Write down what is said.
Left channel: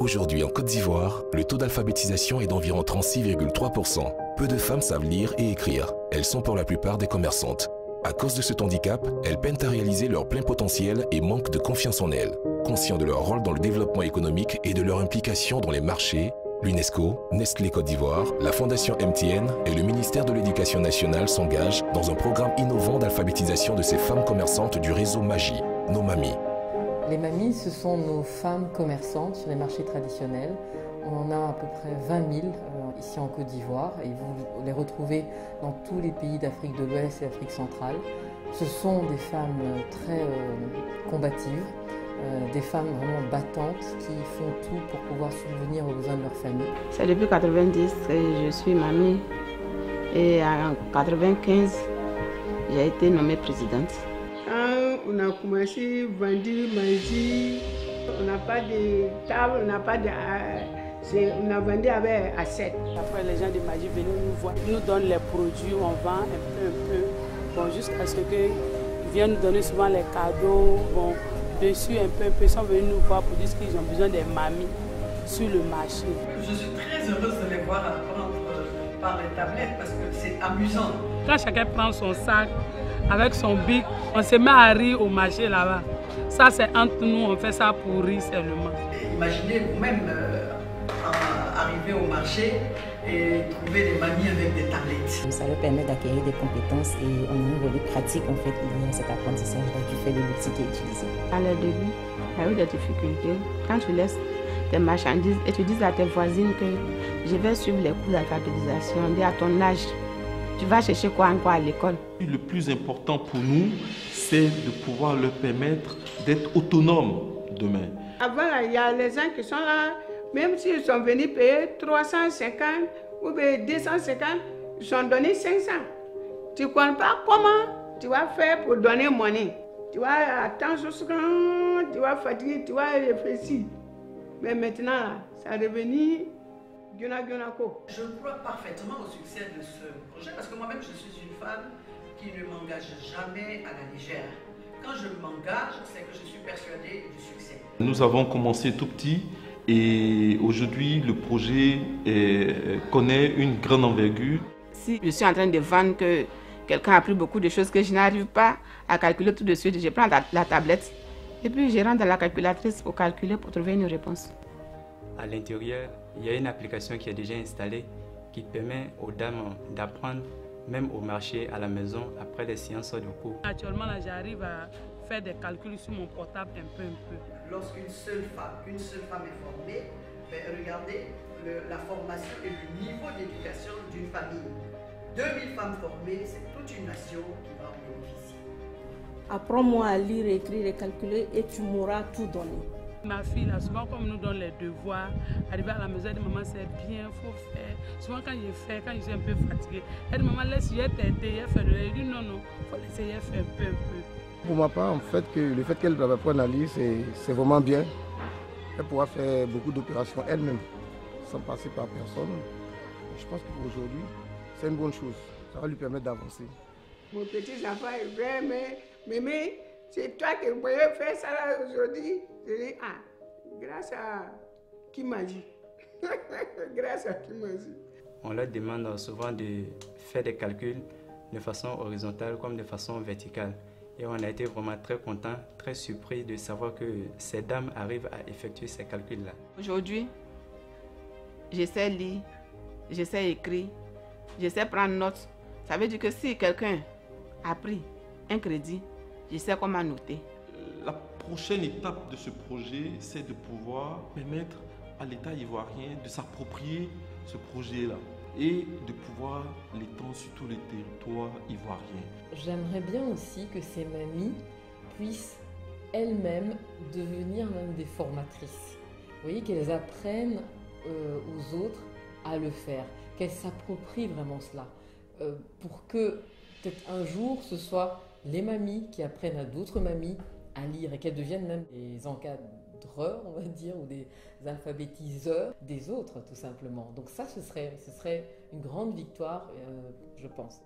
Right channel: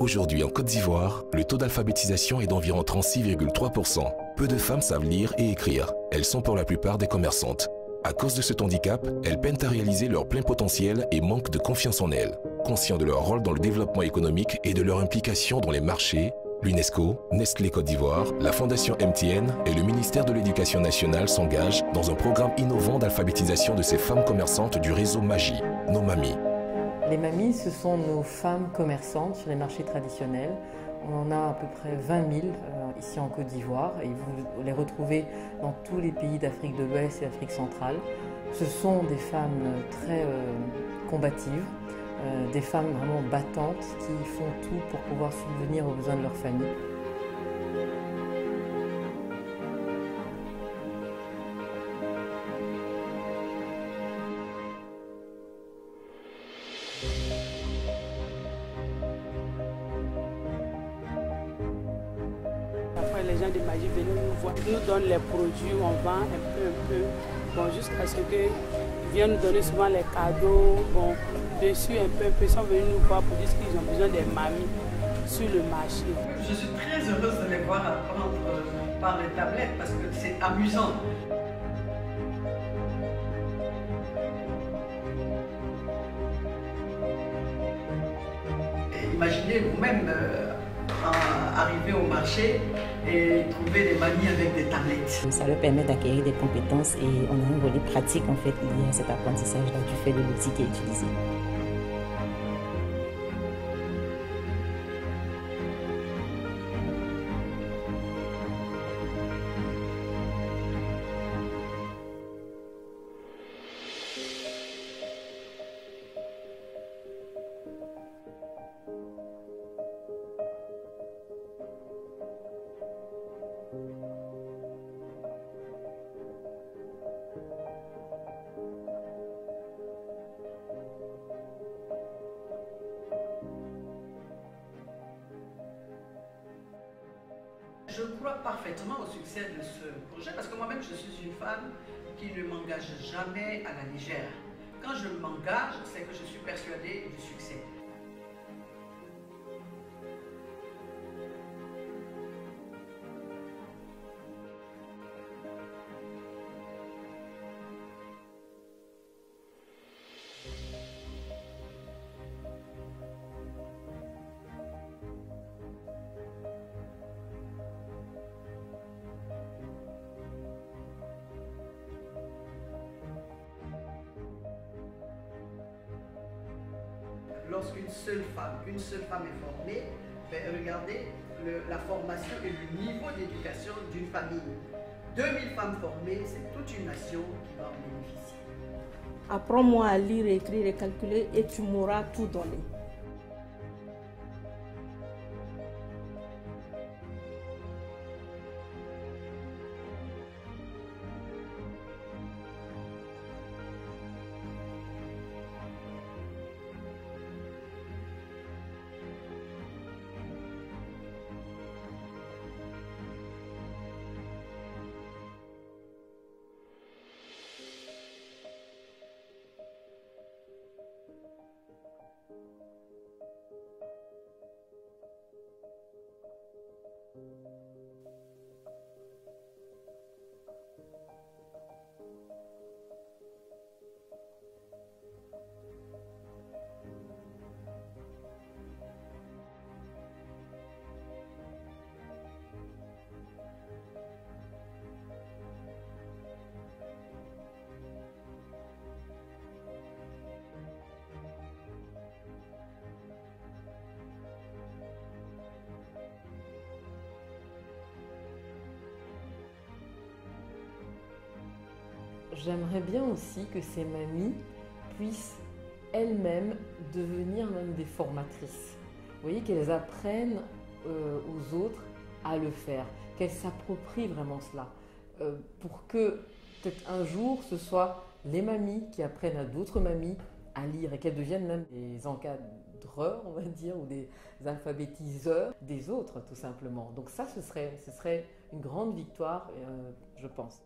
Aujourd'hui, en Côte d'Ivoire, le taux d'alphabétisation est d'environ 36,3%. Peu de femmes savent lire et écrire. Elles sont pour la plupart des commerçantes. À cause de cet handicap, elles peinent à réaliser leur plein potentiel et manquent de confiance en elles. Conscients de leur rôle dans le développement économique et de leur implication dans les marchés, l'UNESCO, Nestlé Côte d'Ivoire, la Fondation MTN et le ministère de l'Éducation nationale s'engagent dans un programme innovant d'alphabétisation de ces femmes commerçantes du réseau MAGI, nos mamies. Les mamies, ce sont nos femmes commerçantes sur les marchés traditionnels. On en a à peu près 20 000 ici en Côte d'Ivoire et vous les retrouvez dans tous les pays d'Afrique de l'Ouest et d'Afrique centrale. Ce sont des femmes très combatives, des femmes vraiment battantes qui font tout pour pouvoir subvenir aux besoins de leur famille. C'est depuis 90 que je suis mamie et en 95, j'ai été nommée présidente. On a commencé à vendre magie, on n'a pas de table, on n'a pas de... on a vendu avec assiette. Après, les gens de magie venaient nous voir, ils nous donnent les produits, on vend un peu. Bon, jusqu'à ce qu'ils viennent nous donner souvent les cadeaux. Bon, dessus un peu, ils sont venus nous voir pour dire qu'ils ont besoin des mamies sur le marché. Je suis très heureuse de les voir apprendre par les tablettes parce que c'est amusant. Quand chacun prend son sac avec son bic, on se met à rire au marché là-bas. Ça, c'est entre nous, on fait ça pour rire seulement. Imaginez vous-même arriver au marché et trouver des manies avec des tablettes. Ça leur permet d'acquérir des compétences et on a un volet pratique en fait lié à cet apprentissage-là du fait de l'outil qui est utilisé. À le début, il y a eu des difficultés. Quand tu laisses tes marchandises et tu dis à tes voisines que je vais suivre les cours d'alphabétisation, dis à ton âge, tu vas chercher quoi encore à l'école? Le plus important pour nous, c'est de pouvoir leur permettre d'être autonomes demain. Avant, il y a les gens qui sont là, même s'ils sont venus payer 350 ou 250, ils sont donnés 500. Tu ne connais pas comment tu vas faire pour donner monnaie. Tu vas attendre jusqu'à tu vas fatiguer, tu vas réfléchir. Mais maintenant, ça est revenu. Je crois parfaitement au succès de ce projet parce que moi-même je suis une femme qui ne m'engage jamais à la légère. Quand je m'engage, c'est que je suis persuadée du succès. Nous avons commencé tout petit et aujourd'hui le projet connaît une grande envergure. Si je suis en train de vendre que quelqu'un a pris beaucoup de choses que je n'arrive pas à calculer tout de suite, je prends la tablette et puis je rentre dans la calculatrice pour calculer, pour trouver une réponse. À l'intérieur, il y a une application qui est déjà installée qui permet aux dames d'apprendre même au marché, à la maison, après les séances de cours. Actuellement, là, j'arrive à faire des calculs sur mon portable un peu. Lorsqu'une seule femme est formée, regardez la formation et le niveau d'éducation d'une famille. 2000 femmes formées, c'est toute une nation qui va en bénéficier. Apprends-moi à lire, écrire et calculer et tu m'auras tout donné. Ma fille, là, souvent, comme nous donne les devoirs, arriver à la maison, elle dit maman, c'est bien, il faut faire. Souvent, quand je suis un peu fatiguée, elle dit maman, laisse hier t'aider, elle fait le. Elle dit non, il faut laisser hier faire un peu. Pour ma part, en fait, le fait qu'elle apprenne à lire, c'est vraiment bien. Elle pourra faire beaucoup d'opérations elle-même, sans passer par personne. Je pense qu'aujourd'hui, c'est une bonne chose. Ça va lui permettre d'avancer. Mon petit enfant est vrai, mais c'est toi qui pouvais faire ça là aujourd'hui. Je dis, grâce à qui m'a dit. Grâce à qui m'a dit. On leur demande souvent de faire des calculs de façon horizontale comme de façon verticale. Et on a été vraiment très contents, très surpris de savoir que ces dames arrivent à effectuer ces calculs-là. Aujourd'hui, je sais lire, je sais écrire, je sais prendre note. Ça veut dire que si quelqu'un a pris un crédit, je sais comment noter. La prochaine étape de ce projet, c'est de pouvoir permettre à l'État ivoirien de s'approprier ce projet-là et de pouvoir l'étendre sur tous les territoires ivoiriens. J'aimerais bien aussi que ces mamies puissent elles-mêmes devenir même des formatrices. Vous voyez, qu'elles apprennent aux autres à le faire, qu'elles s'approprient vraiment cela, pour que peut-être un jour ce soit les mamies qui apprennent à d'autres mamies à lire et qu'elles deviennent même des encadreurs, on va dire, ou des alphabétiseurs des autres, tout simplement. Donc ça, ce serait une grande victoire, je pense.